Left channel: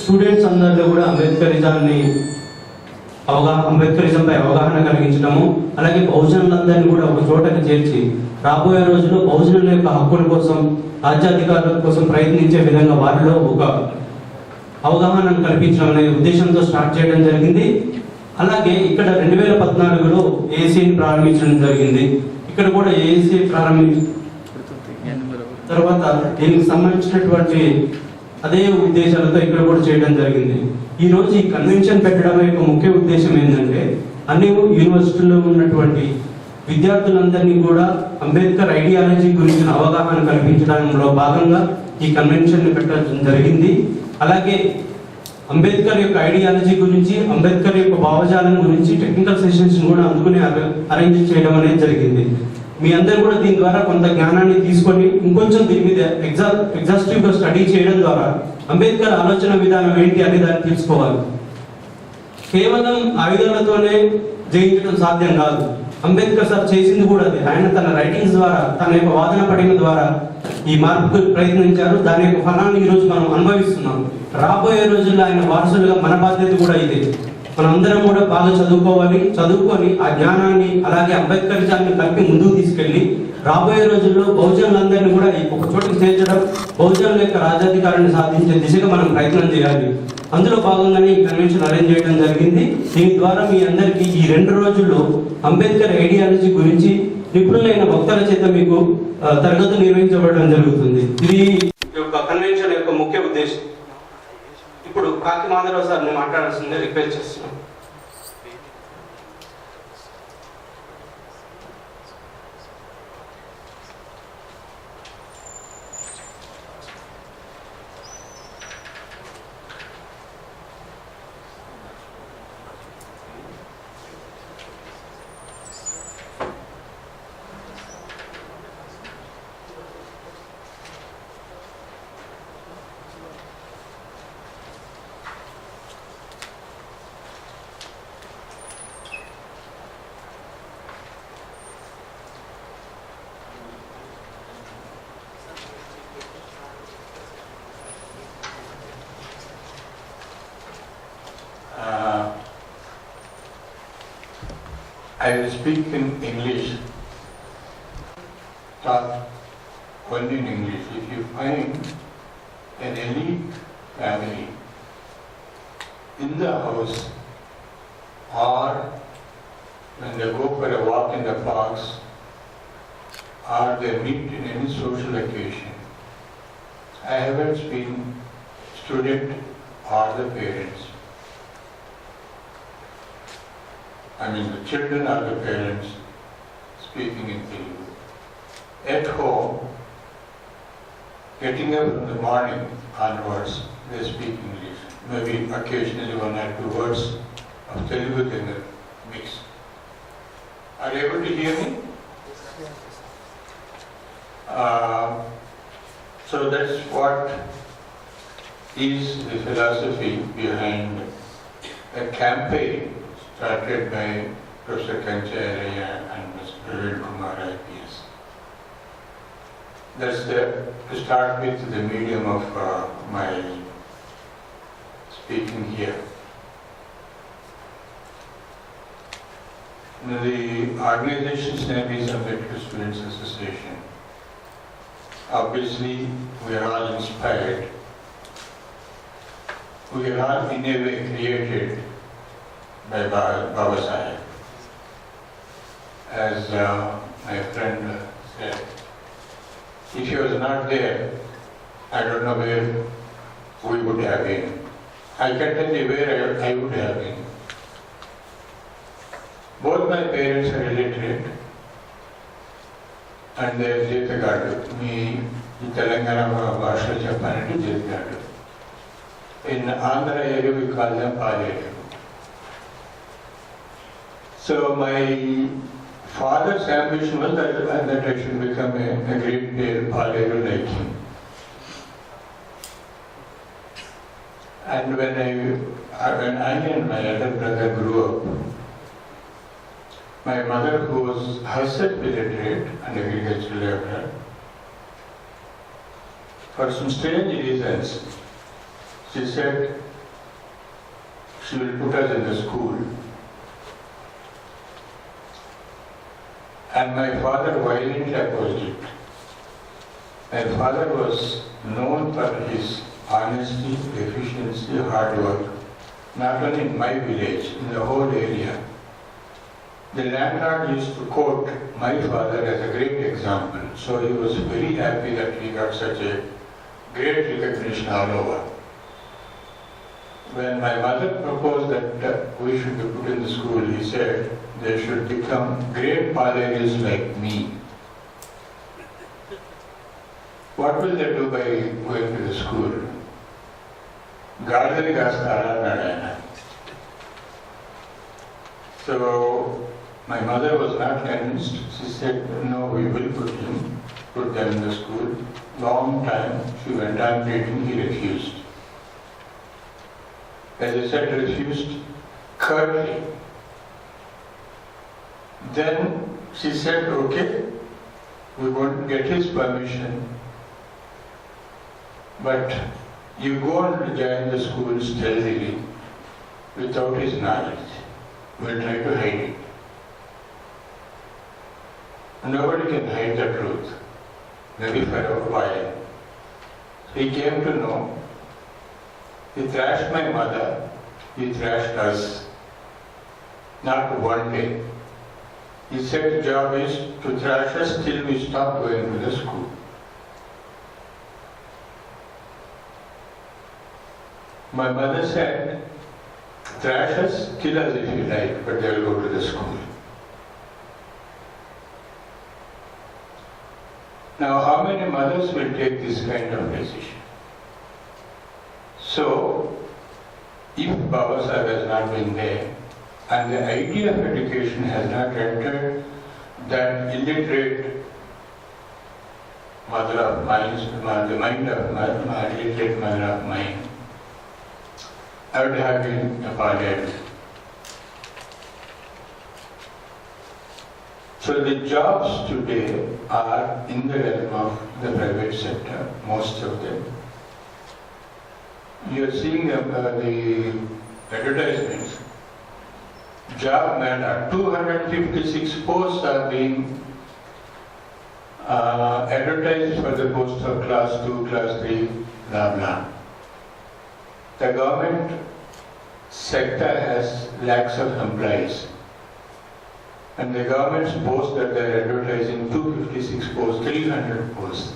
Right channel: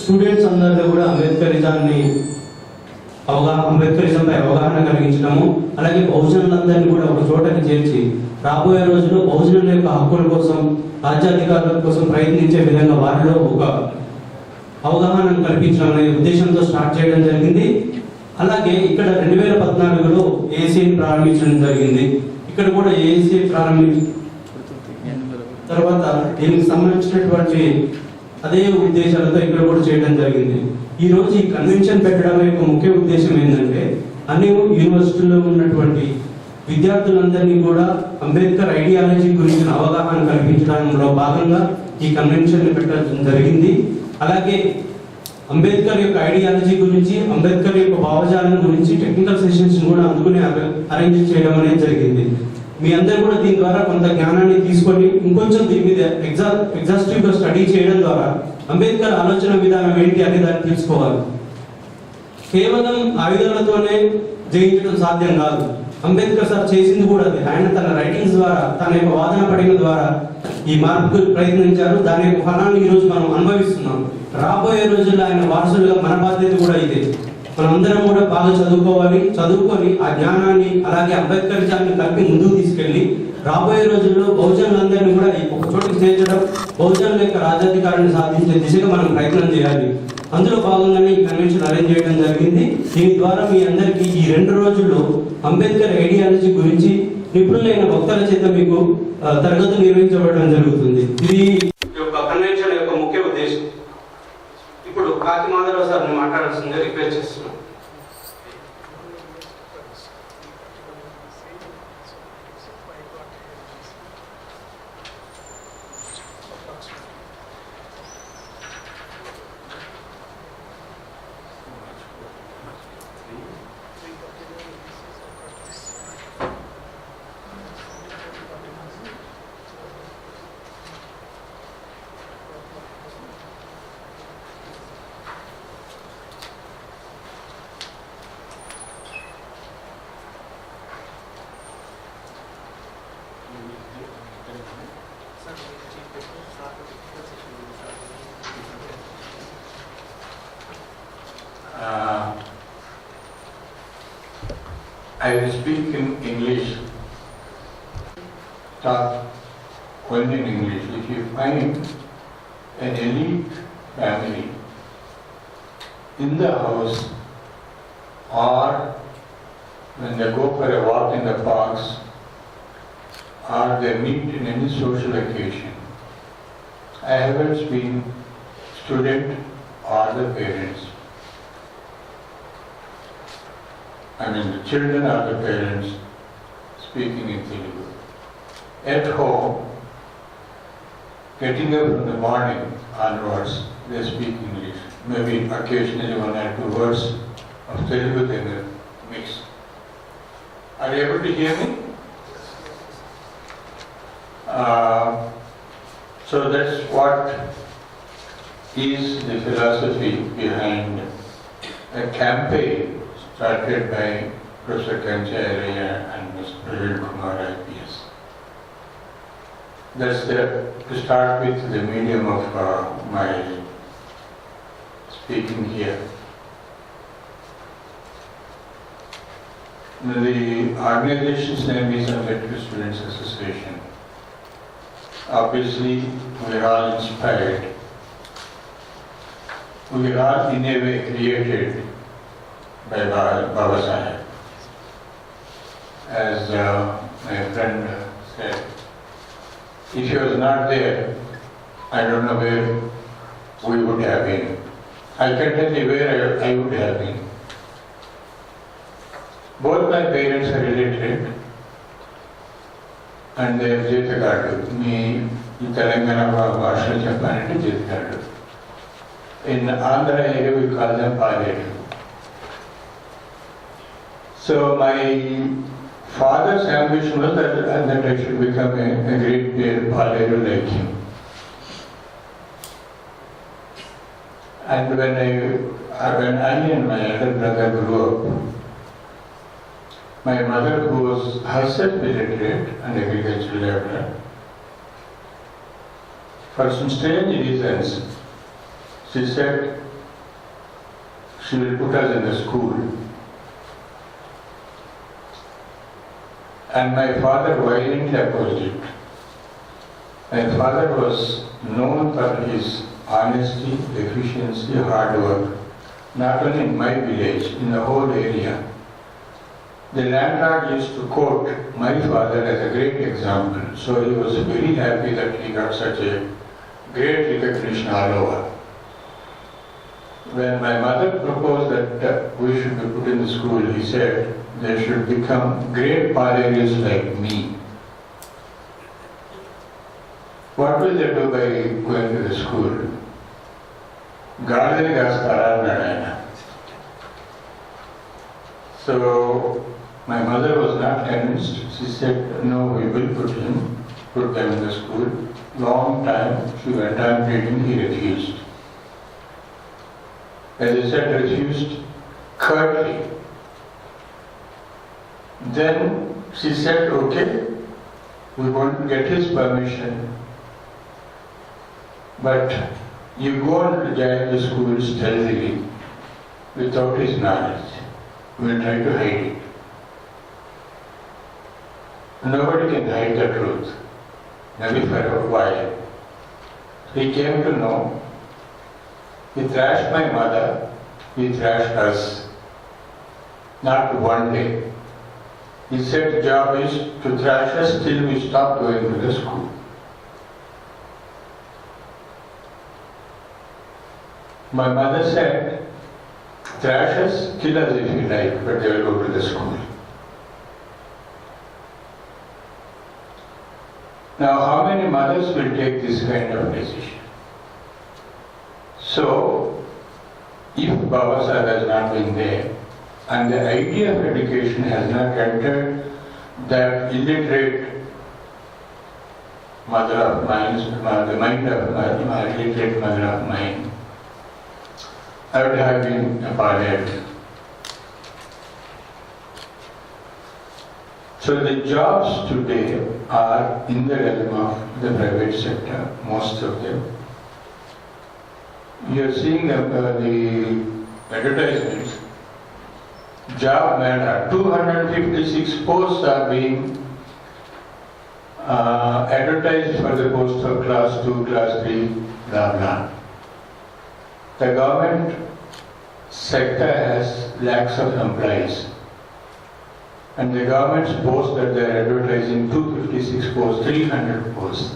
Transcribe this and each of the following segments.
Students అందరిలో కూడా అంబేద్కరిజంపై అవగాహన కలిగించడము, అలాగే బహుజనులందరినీ కూడా ఒక చోటకి చేర్చి రాబోయే రోజుల్లో బహుజనుల యొక్క హక్కుల కోసం, రాజ్యాధికారుల కోసం ప్రయత్నించే విధంగా వారిలో ఒక అవగాహనను కల్పించడం అనే ఉద్దేశంతో స్టార్ట్ చేయడం జరిగింది. అలాగే ఇక్కడ 2014లో ఏఎస్సీని ప్రారంభించడం జరిగింది. ఇక్కడ కూడా ఏఎస్సీ ప్రారంభించిన తర్వాత దీనికి సంబంధించినటువంటి అదే ఉద్దేశాలతో ఇక్కడ కూడా చేయడం జరిగింది. ఈ రోజు ఈ కన్వెన్షన్ పెట్టడం యొక్క ముఖ్య ఉద్దేశం ఏంటంటే అన్ని యూనివర్సిటీల్లో ఉన్నటువంటి విద్యార్థులందరినీ కూడా అంబేద్కర్ ఐడియాలజీ గురించిన అవగాహన కల్పించడంలో భాగంగా ఈ కన్వెన్షన్ పెట్టడం జరిగింది. అలాగే అంబేద్కర్ యొక్క ఐడియాలజీ గురించి, అంబేద్కర్ యొక్క భావజాలం గురించి టెక్నికల్ సెషన్స్ కూడా అందుకుని అరేంజ్ చేయడం అనేది జరిగింది. మీ అందరూ కూడా దీని ద్వారా కొంత జ్ఞానాన్ని తీసుకొని ఇంకొంచెం దీని మీద ఎగ్జాస్టివ్ గా స్టడీ చేయడం ద్వారా అంబేద్కర్ ఆలోచన విధానం ఏంటి అనే దాన్ని తెలుసుకోవాలి. కేవలం ఆయుధాలతోనే జయించడం సాధ్యం కాదు. అంబేద్కర్ సార్ చేసింది కూడా అదే. ఆయన తన రైటింగ్స్ ద్వారా, తన యొక్క వాదన పడిన ద్వారా ఈ మార్పుకు ప్రయత్నించారు. దాని యొక్క ఫలాన్ని ఈ రోజు మనం అనుభవిస్తున్నాం. రాబోయే రోజుల్లో ఆయన వారసులుగా మన బాధ్యత కూడా ఇదే. మనందరం కూడా బాగా చదువుకొని ఆ జ్ఞానాన్ని అలాగే అంబేద్కరిజాన్ని కలిపి ముందుకు తీసుకెళ్లి రాబోయే రోజుల్లో బహుజనులందరినీ కూడా ఒక చోటుకి చేర్చడం, బహుజనుల యొక్క రాజ్యాధికారాన్ని సాధించే దిశగా మనం ప్రయత్నం చేయాలి. అందులో భాగంగానే ఈ కన్వెన్షన్ అరేంజ్ చేయడం జరిగింది. దీని ద్వారా మీ అందరికీ ఈ 2 రోజుల్లో అంబేద్కర్ ఐడియాలజీ గురించి నిపుణులైన వక్తల చేత మీకు తరగతులు నిర్వహించబడడం జరుగుతుంది. ఇది కన్వెన్షన్ యొక్క ముఖ్య ఉద్దేశం. ఇప్పుడు కాకి మాధవరావు సార్ని మాట్లాడాల్సిందే రిక్వెస్ట్ చేస్తున్నాను. I will speak in English, talk only in English. If you find an elite family in the house or when they go for a walk in the parks or they meet in any social occasion, I haven't been student or the parents. I mean the children or the parents speaking in Telugu. At home, getting up in the morning onwards, they speak English. Maybe occasionally 1 or 2 words of Telugu they will mix. Are you able to hear me? So that's what is the philosophy behind a campaign started by Professor Kancharya and Mr. Praveen Kumar IPS. That's to start with the medium of my speaking here. The organization's name is Ambedkar Students Association. Obviously, we are all inspired. We are all in a way created by Baba Sahib. As my friend said, if he was not there, I don't know where we would have been. I can tell you where I would have been. Both my parents are illiterate and they are Jetagadu. Me, in Telangana Bhasha Chappanante Jetagadu. In Andhra area we call them Paletu. So my father's ambition was that I should become a great Paletu like him. And when I and my elder brother grew up, my mother, who was herself illiterate and agricultural laborer, for some strange reasons, She said she will put us in the school. And my father violently opposed it. My father was known for his honesty, efficiency, hard work, not only in my village, in the whole area. The landlord used to quote my father as a great example, so he was very happy that he got such a great recognition all over. When my mother proposed that we should be put in the school, he said they should become great parents like me. What will they do by going to the school? Garden Gastara. So my mother was not convinced. She said, no, we will put them in the school. Long time she went on pleading, he refused. As I said, refused curtly. Then she said, okay, we won't get his permission, but you go and join the school stealthily without his knowledge. We'll try to hide it. Nobody can hide the truth, maybe for a while. He came to know. He thrashed my mother, he thrashed us. Not one day. He said the job is to thrash us till we stop going to the school. My mother said, thrash us, kill us if you like, but they will go to the school. Now, how many mothers will take this kind of decision? So, if Baba Sahib has not been there, and the idea of education has not entered that illiterate mother of minds, the mind of my illiterate mother of mine, I would have been appalled. So the jobs today are in the realm of the private sector, most of them. You are seeing the advertisements. Job matter. 256 posts are being advertised for the post of class 2, class 3, blah blah. The government sector has lakhs of employees. And the government's boast that they are advertising 256 posts, 300 posts.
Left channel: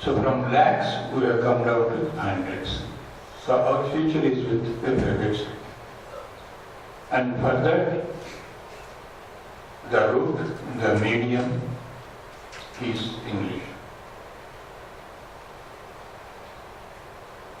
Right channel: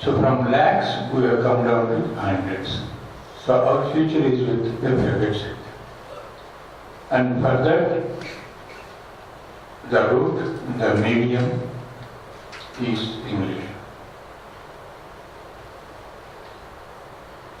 So from lakhs we have come down to hundreds. So our future is with the private sector. And for that, the root, the medium is English.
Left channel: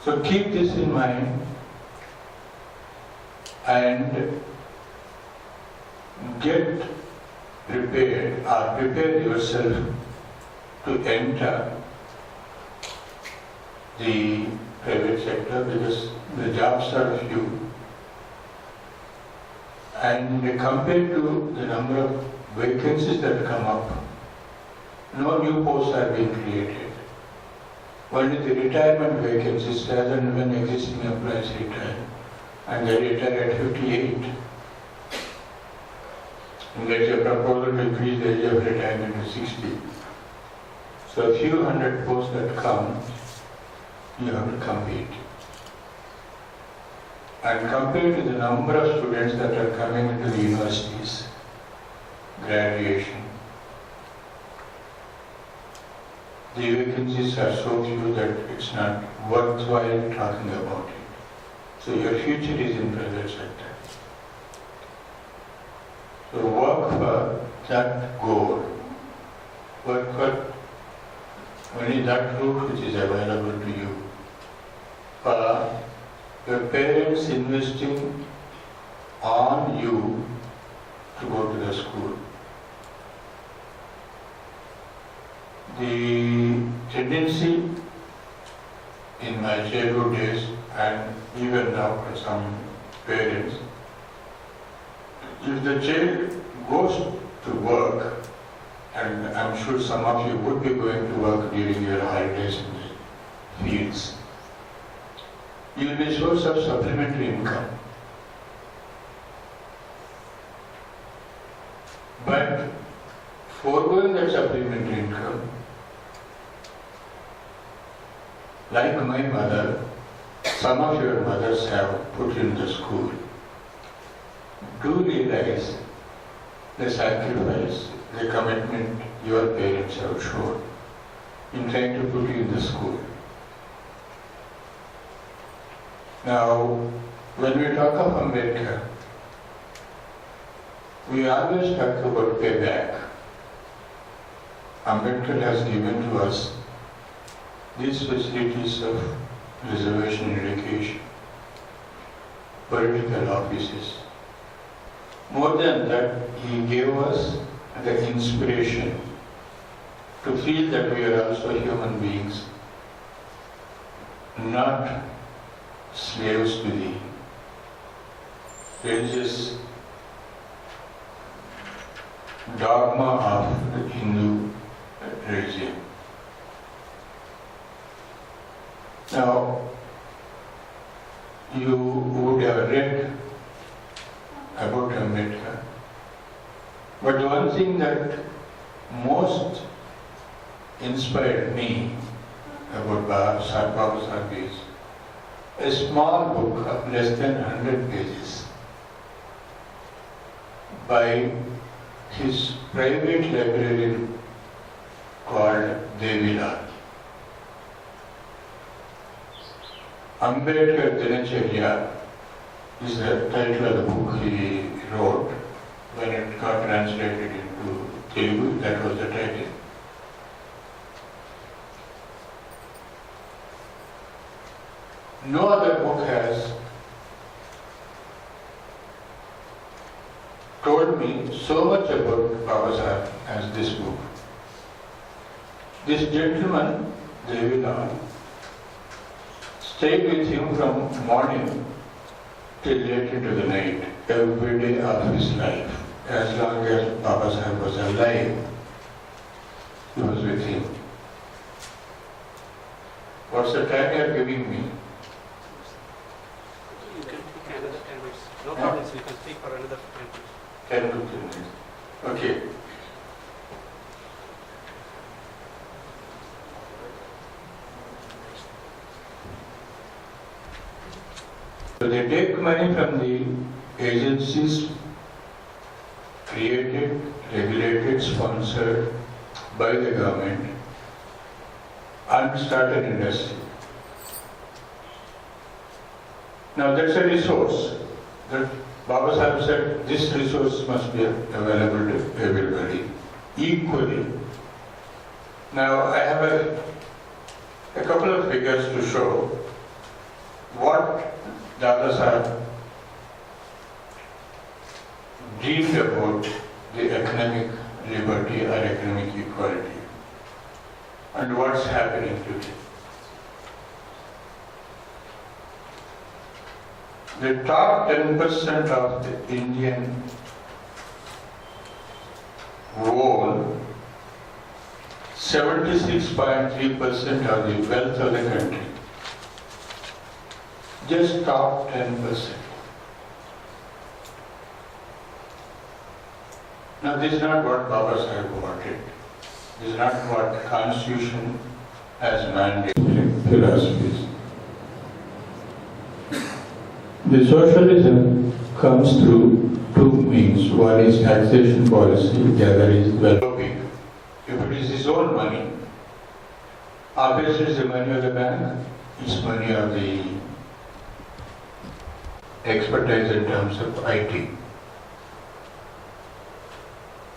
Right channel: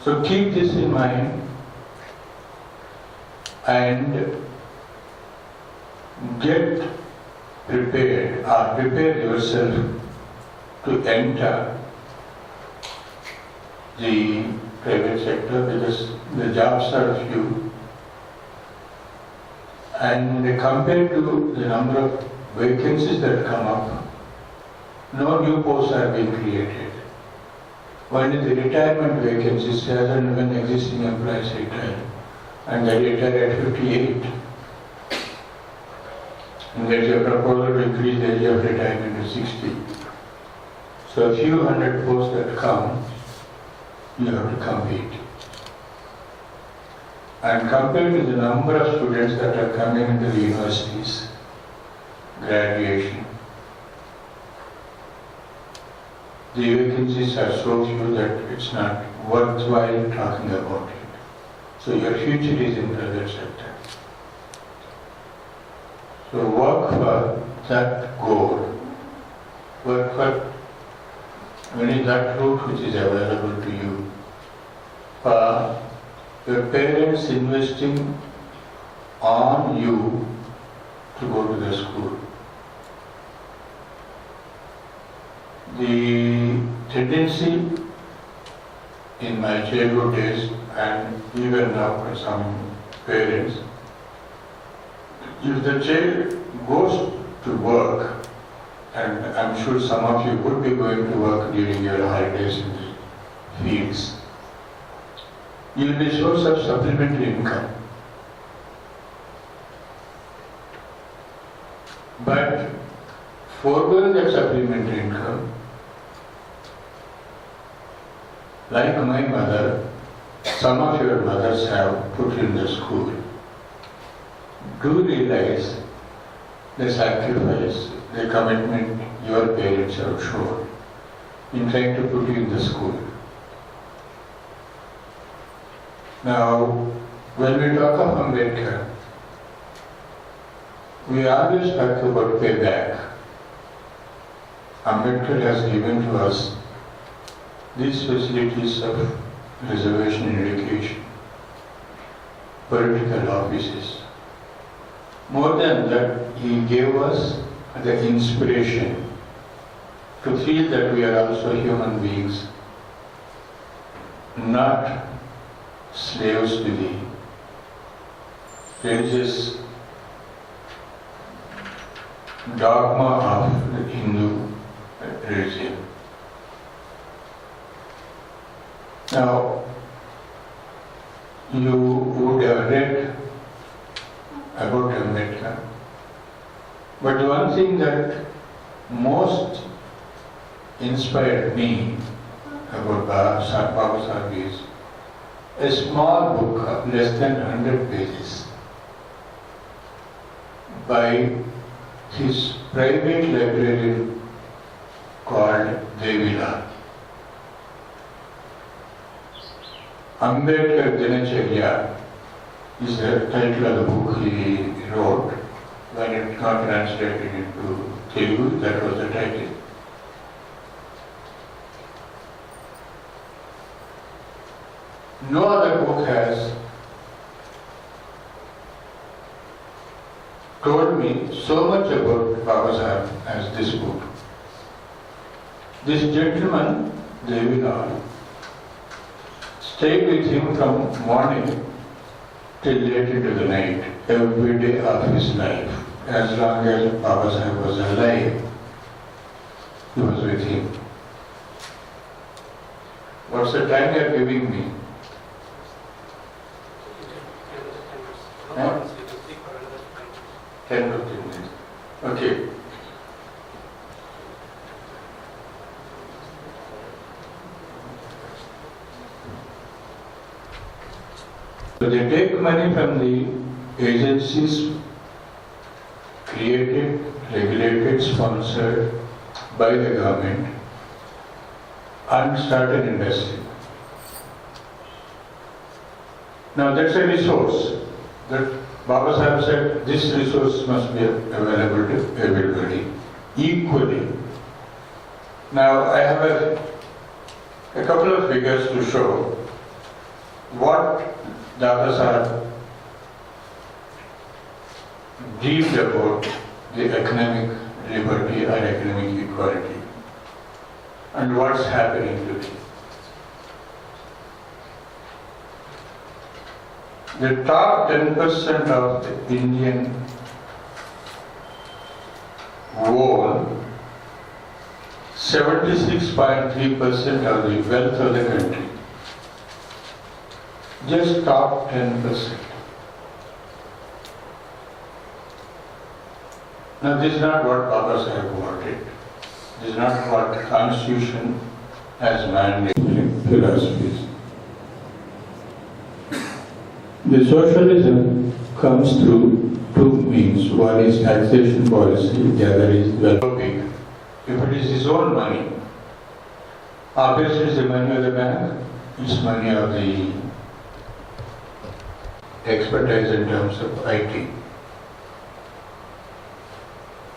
So keep this in mind and get prepared or prepare yourself to enter the private sector because the jobs are few. And compared to the number of vacancies that come up, no new posts are being created. Only the retirement vacancies as and when existing employees retire. And they retire at 58. And there is a proposal to increase the age of retirement to 60. So a few hundred posts that come, you have to compete. And compared to the number of students that are coming into the universities, graduation, the vacancies are so few that it's not worthwhile talking about it. So your future is in private sector. So work for that goal. Work for only that route which is available to you. For your parents investing on you to go to the school. The tendency in my childhood days and even now for some parents, if the child goes to work, and I'm sure some of you would be going to work during your holidays in the fields, you will be a source of supplementary income. But foregoing that supplementary income, like my mother, some of your mothers have put you in the school. Do realize the sacrifice, the commitment your parents have shown in trying to put you in the school. Now, when we talk of Ambedkar, we always talk about payback. Ambedkar has given to us these facilities of reservation in education, political offices. More than that, he gave us the inspiration to feel that we are also human beings, not slaves to the religious dogma of the Hindu religion. Now, you would have read about Ambedkar, but the one thing that most inspired me about Baba Sahib is a small book of less than 100 pages by his private librarian called Devilal. Ambedkar Dinacharya is the title of the book he wrote. When it got translated into Telugu, that was the title. No other book has told me so much about Baba Sahib as this book. This gentleman, Devilal, stayed with him from morning till late into the night, every day of his life. As long as Baba Sahib was alive, he was with him. What's the time you are giving me? You can just 10 minutes. No problem, so you can speak for another 5 minutes. 10 to 15 minutes. Okay. So they take money from the agencies created, regulated, sponsored by the government and start an industry. Now that's a resource that Baba Sahib said this resource must be available to everybody equally. Now I have a couple of figures to show what Baba Sahib dreamed about the economic liberty or economic equality and what's happening today. The top 10% of the Indian own 76.3% of the wealth of the country. Just top 10%. Now this is not what Baba Sahib wanted. This is not what the Constitution has mandated philosophies. The socialism comes through two means. One is taxation policy, the other is well-being. If it is his own money, obviously it's the money of the bank, it's money of the expertise in terms of IT.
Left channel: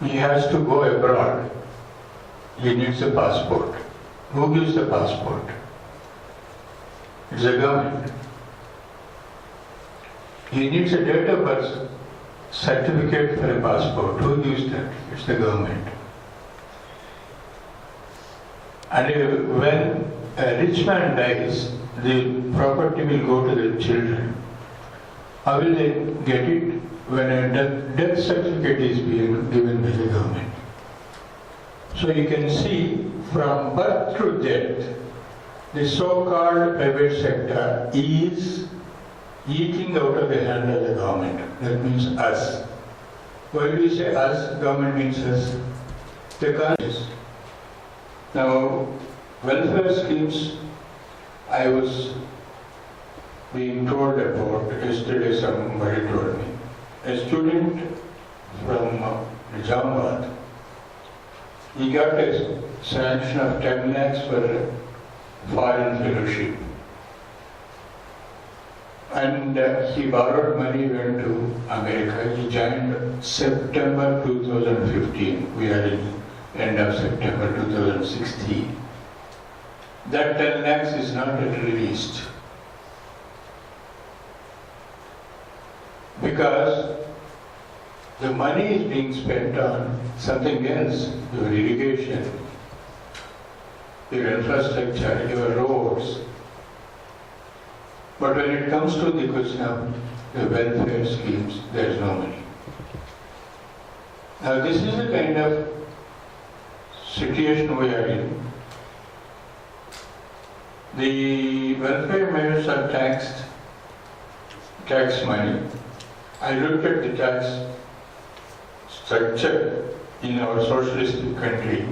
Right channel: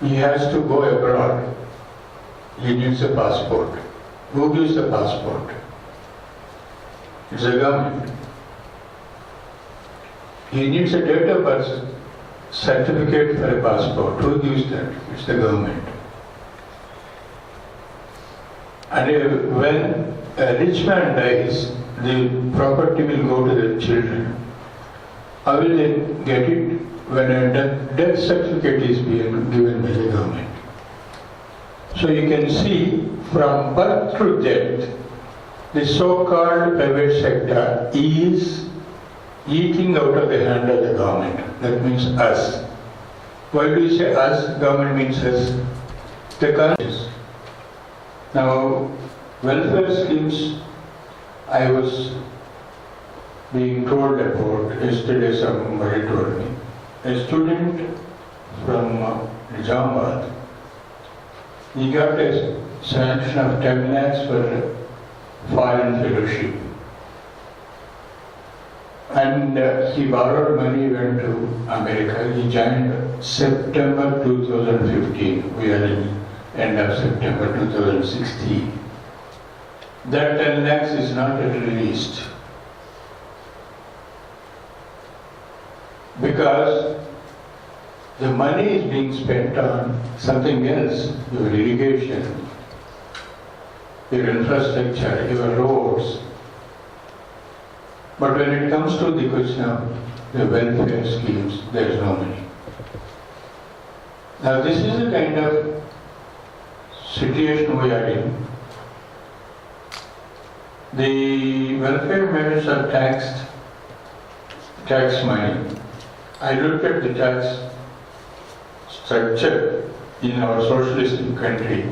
He has to go abroad. He needs a passport. Who gives the passport? It's the government. He needs a date of birth certificate for a passport. Who gives that? It's the government. And when a rich man dies, the property will go to the children. How will they get it? When a death certificate is being given by the government. So you can see from birth to death, the so-called private sector is eating out of the hand of the government. That means us. Why do we say us? Government means us. The countries. Now, welfare schemes, I was being told about, yesterday somebody told me, a student from Nizamabad, he got a sanction of 10 lakhs for foreign fellowship. And he borrowed money, went to America. He joined September 2015. We are in end of September 2016. That 10 lakhs is not yet released. Because the money is being spent on something else, your irrigation, your infrastructure, your roads. But when it comes to the question of the welfare schemes, there is no money. Now this is the kind of situation we are in. The welfare measures are tax money. I looked at the tax structure in our socialistic country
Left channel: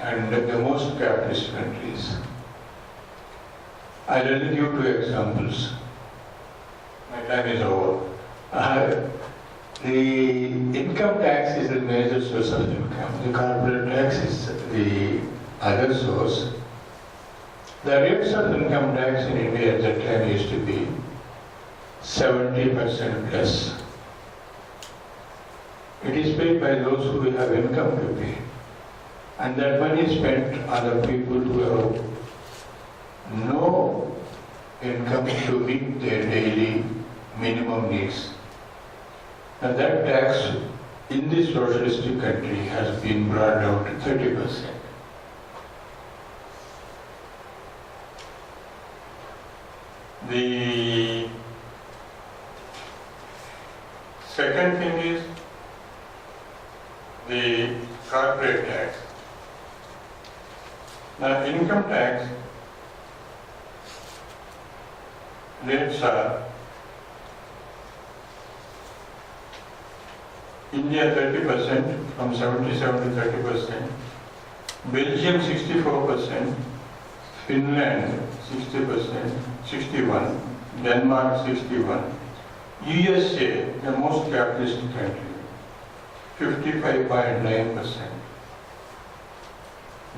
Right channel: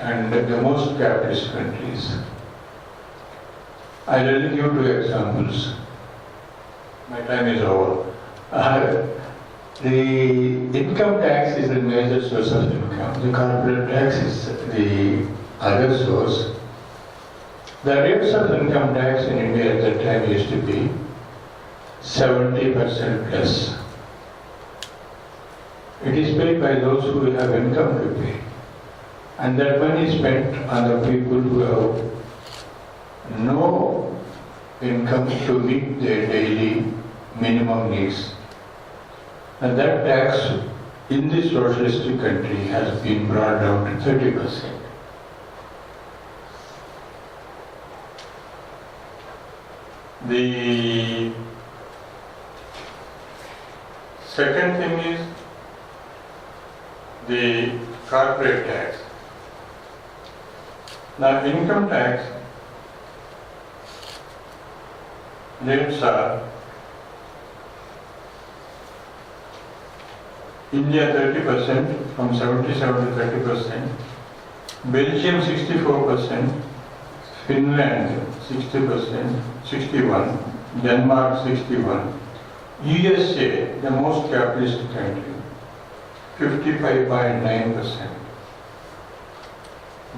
and the most capitalist countries. I will give 2 examples. My time is over. The income tax is the major source of income. The corporate tax is the other source. The rates of income tax in India at that time used to be 70% plus. It is paid by those who have income to pay. And that money is spent on the people who have no income to meet their daily minimum needs. And that tax in this socialistic country has been brought down to 30%. The second thing is the corporate tax. Now, income tax rates are India 30%, from 77 to 30%, Belgium 64%, Finland 60%, 61%, Denmark 61%, USA, the most capitalist country, 55.9%,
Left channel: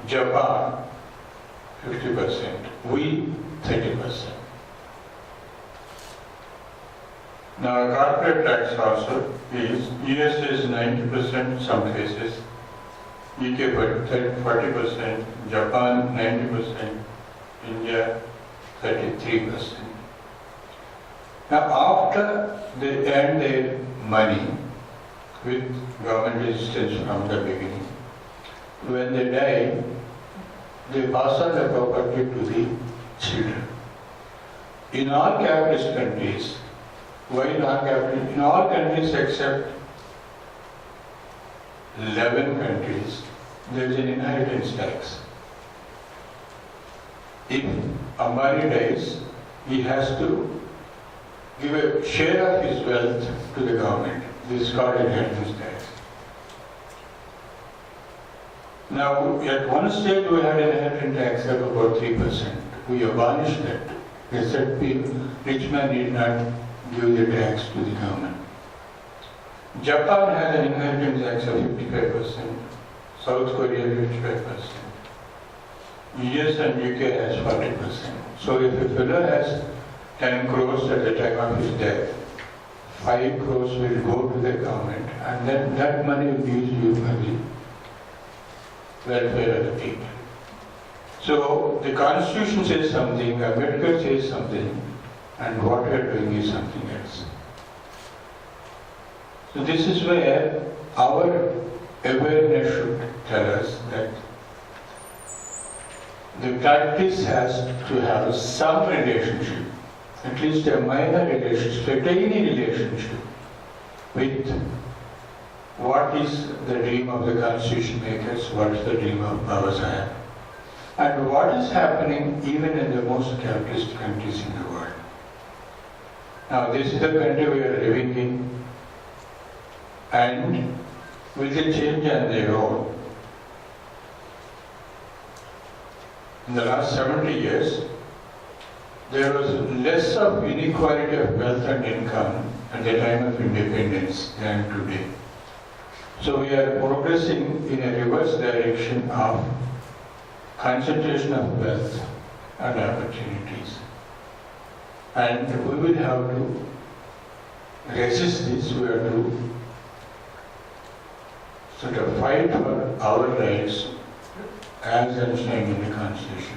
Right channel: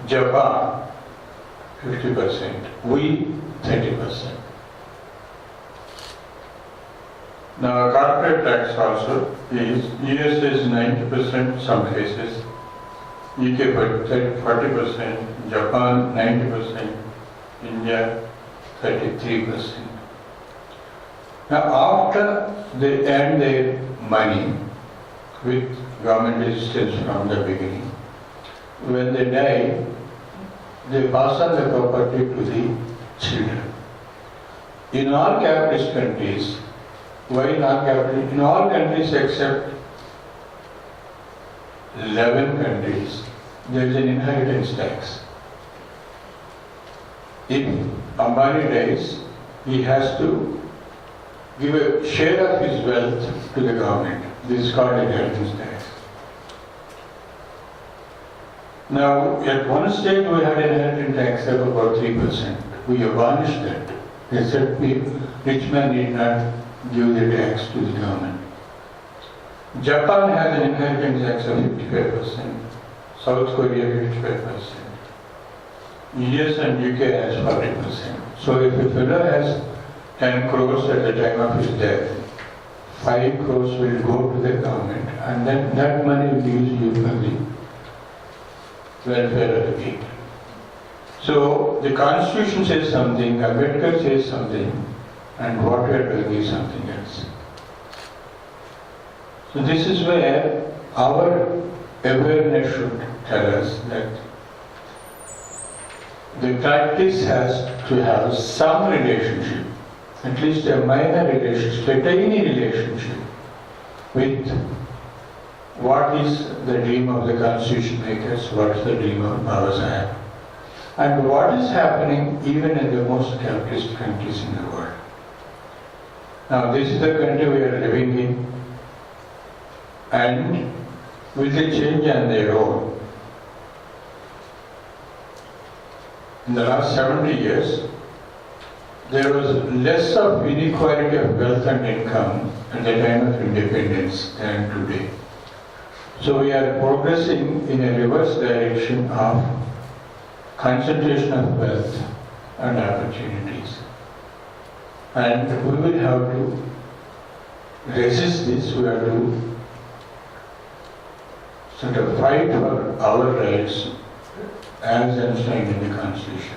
Japan 50%, we 30%. Now, corporate tax also is USA is 90% some cases, UK 40%, Japan 90%, India 33%. Now, after they earn their money with government assistance from the beginning, when they die, they pass on the property to the children. In all capitalist countries, why non-capitalist? In all countries except 11 countries, there is an inheritance tax. If Ambani dies, he has to give a share of his wealth to the government. This is called inheritance tax. Now, at one stage we had an inheritance tax of about 3%. We abolished that. They said rich men need not give the tax to the government. Japan has an inheritance tax of 55%. South Korea 55%. US and UK has 40%. So if a fellow has 10 crores at the time of his death, 5 crores will go to the government, and then that money will be used for the welfare of the people. So the Constitution says something, Ambedkar says something, and what we are doing is something else. So this is where our awareness should tell us that the practice has to have some relationship, at least a minor relationship, a tiny relationship with what is the dream of the constitution makers, what is the dream of Baba Sahib. and what is happening even in the most capitalist countries in the world. Now this is the country we are living in, and with the change on the road, in the last 70 years, there was less of inequality of wealth and income at the time of independence than today. So we are progressing in a reverse direction of concentration of wealth and opportunities. And we will have to resist this. We have to sort of fight for our rights as enshrined in the Constitution.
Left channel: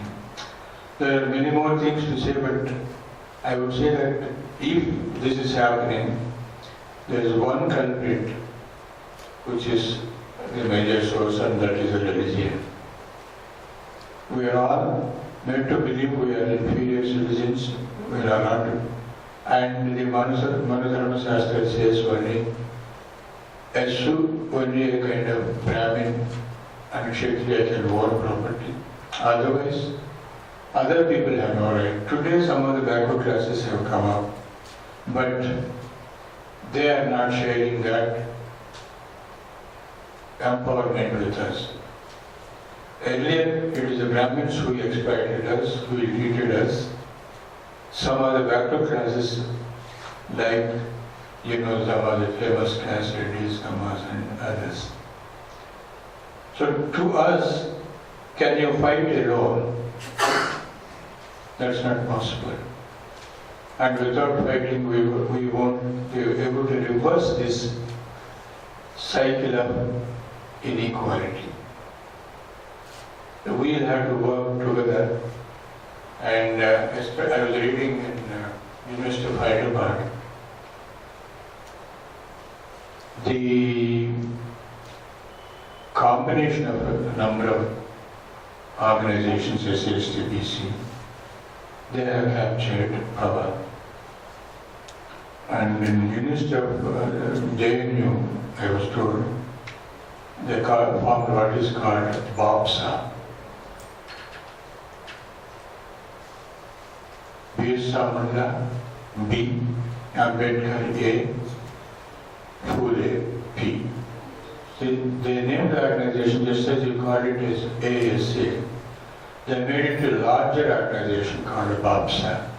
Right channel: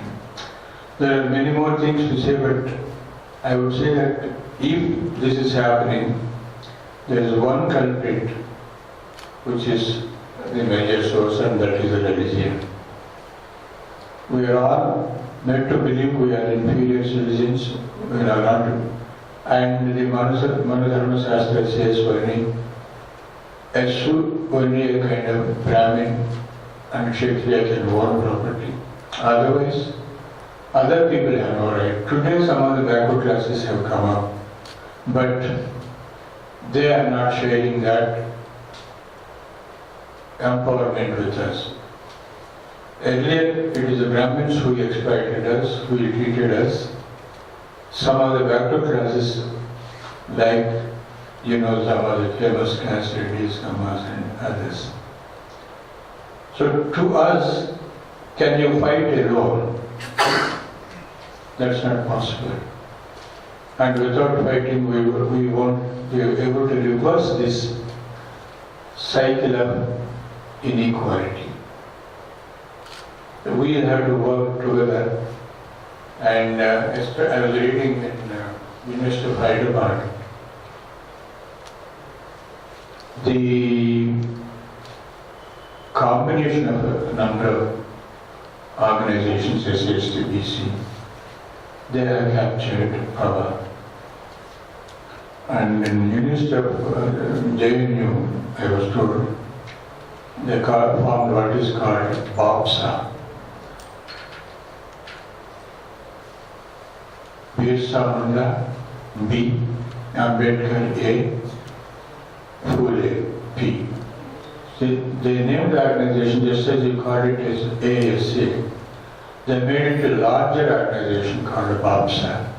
There are many more things to say, but I would say that if this is happening, there is one culprit which is the major source, and that is religion. We are all made to believe we are inferior citizens, we are not, and the Madhavarao Shastra says only a kind of Brahmin and Kshatriya can own property. Otherwise, other people have no right. Today some of the backward classes have come up, but they are not sharing that empowerment with us. Earlier, it is the Brahmins who exploited us, who treated us. Some of the backward classes, like, some of the famous caste reddies, Samas and others. So to us, can you fight alone? That's not possible. And without fighting, we won't be able to reverse this cycle of inequality. We will have to work together. And I was reading in University of Hyderabad, the combination of a number of organizations, SSTBC, they have captured power. And in University of JNU, I was told, they formed what is called BAPSA. Birsa Munda, B, Ambedkar, A, Phule, P. They named the organization just as you called it as ASA. They made it a larger organization called BAPSA.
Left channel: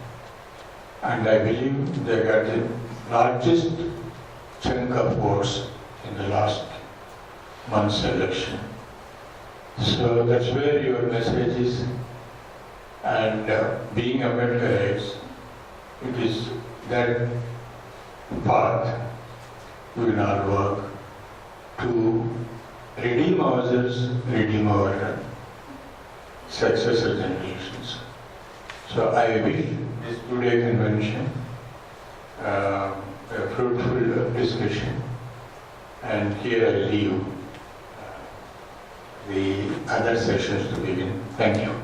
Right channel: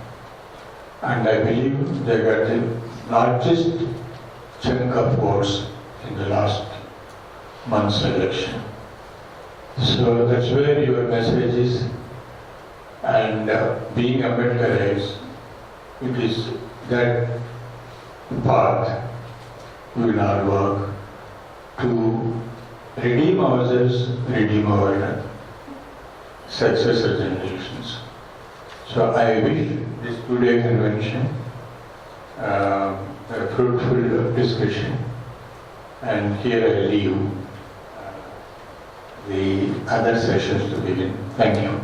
And I believe they got the largest chunk of votes in the last month's election. So that's where your message is. And being Ambedkarites, it is that path we will all work to redeem ourselves, redeem our successor generations. So I wish this two-day convention a fruitful discussion, and here I leave the other sessions to begin. Thank you.